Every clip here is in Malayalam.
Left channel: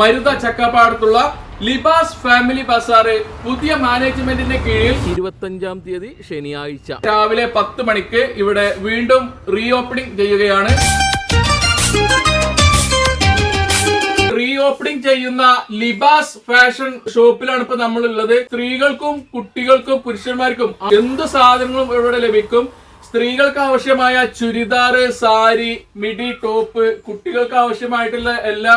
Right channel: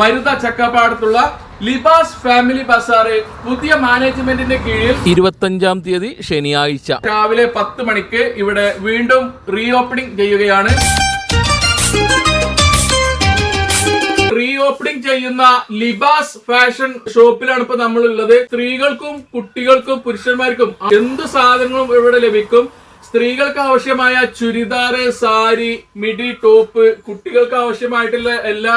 മരുത ചക്കപ്പാടത്തുള്ള ലിബാസ് ഫാമിലി ബസാറ് പുതിയ മാനേജ്മെന്റിന്റെ കീഴിൽ ഇരുപത്തഞ്ചാം തീയതി ശനിയാഴ്ച. രാവിലെ പത്ത് മണിക്ക് ഇവിടെ വീണ്ടും റീ ഓപ്പണിംഗ് ചെയ്യുകയാണ്. റീ ഓപ്പണിംഗ് ചെയ്യുന്ന ലിബാസ് ഫാഷൻ ഷോപ്പിലാണ് ഇപ്പൊ നമ്മൾ ഉള്ളത് സ്ത്രീകൾക്കും കുട്ടികൾക്കും പുരുഷന്മാർക്കും എന്ത് സാധനങ്ങളും ഇവിടെ ലഭിക്കും. സ്ത്രീകൾക്ക് ആവശ്യമായ ചുരിദാറ് സാരി മിഡി ടോപ്പ് കുട്ടികൾക്ക് ആവശ്യമായിട്ടുള്ള എല്ലാ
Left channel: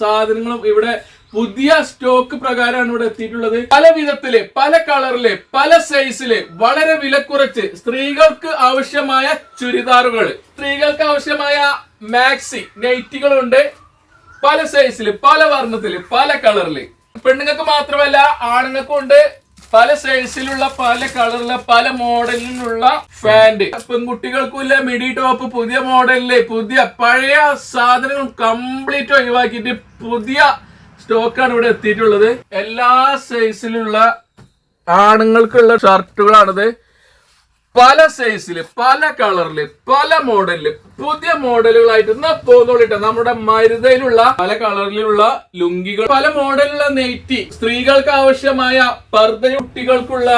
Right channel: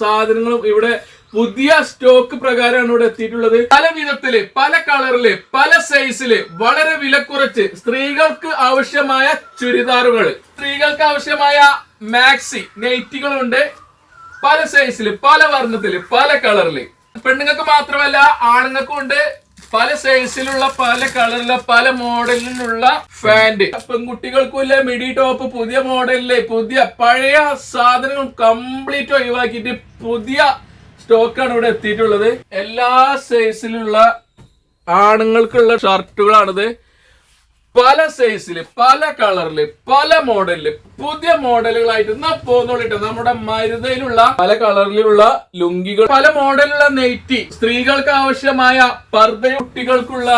സാധനങ്ങളും ഇവിടെ പുതിയ സ്റ്റോക്ക് പ്രകാരമാണ് ഇവിടെ എത്തിയിട്ടുള്ളത്. പല വിധത്തിൽ പല കളറിൽ പല സൈസിൽ വളരെ വില കുറച്ച് സ്ത്രീകൾക്ക് ആവശ്യമായ ചുരിദാറുകൾ സ്ത്രീകൾക്ക് ആവശ്യമായ മാക്സി നൈറ്റികളുണ്ട് പല സൈസിൽ പല വർണത്തിൽ പല കളറിൽ. പെണ്ണുങ്ങൾക്ക് മാത്രമല്ല ആണുങ്ങൾക്കും ഉണ്ട്. പല സൈസിലുള്ള പല കളറിലെ പല മോഡലിലുള്ള ഫാന്റ് പെൺകുട്ടികൾക്കും ഇല്ല മിഡി ടോപ്പ് പുതിയ മോഡലിൽ പുതിയ പഴയ സാധനങ്ങൾ കംപ്ലീറ്റ് ഒഴിവാക്കിയിട്ട് പുതിയ സ്റ്റോക്കാണ് ഇവിടെ എത്തിയിട്ടുള്ളത്. എല്ലാ സൈസിലുള്ള ആണുങ്ങൾക്കുള്ള ഷർട്ടുകളാണിത് പല സൈസിൽ പല കളറിൽ പല മോഡലിൽ പുതിയ മോഡലുകളായിട്ട് എന്നാ പോന്നോളിട്ട്. നമ്മുടെ മരുതയിലുള്ള പല കളറിലുള്ള ലുങ്കികൾ പല മോഡലുള്ള നെയ്റ്റി സ്ത്രീകൾക്ക് ആവശ്യമായ പർദ്ദയുട്ടികൾക്കുള്ള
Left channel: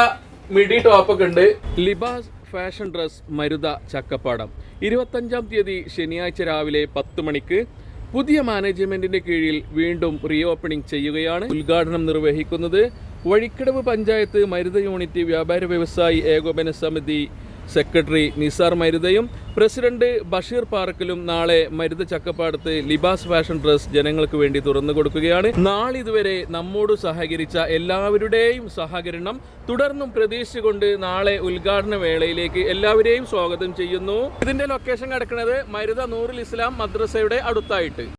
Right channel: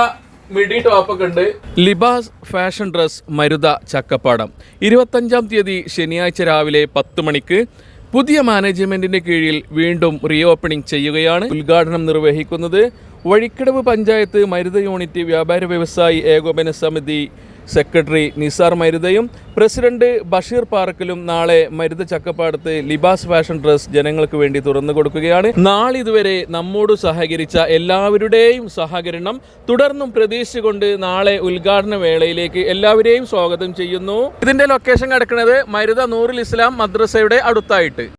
മിഡി ടോപ്പൊക്കെ ഉണ്ട്. Libas fashion dress Maruta Chakkappadam. ഇരുപത്തഞ്ചാം തീയതി ശനിയാഴ്ച രാവിലെ പത്ത് മണിക്ക് പുതിയ മാനേജ്മെന്റിന്റെ കീഴിൽ വീണ്ടും റീ ഓപ്പണിംഗ് ചെയ്യുകയാണ് ഉദ്ഘാടനം നിർവഹിക്കുന്നത് വഴിക്കടവ് പഞ്ചായത്ത് മരുത യൂണിറ്റ് വ്യാപാര വ്യവസായി ഏകോപന സമിതി സെക്രട്ടറി നിസാർ മരുതയും പ്രസിഡന്റ് ബഷീർ പാർക്കിലും നാളെ മരുത ചക്കപ്പാടത്ത് ലിബാസ് ഫാഷൻ ഡ്രസ് ജനങ്ങൾക്ക് വേണ്ടി തുറന്നു കൊടുക്കുകയാണ്. നാളിതുവരെ നമ്മോട് സഹകരിച്ച എല്ലാവരുടെയും സഹകരണം തുടർന്നും പ്രതീക്ഷിച്ചുകൊണ്ട് നാളെ ഉദ്ഘാടന വേളയിലേക്ക് എല്ലാവരെയും സ്വാഗതം ചെയ്യുന്നു. ഇതിന്റെ ലൊക്കേഷൻ കിടക്കുന്നത് മരുത നൂറുൽ ഇസ്ലാം മദ്രസയുടെ അടുത്തായിട്ട്.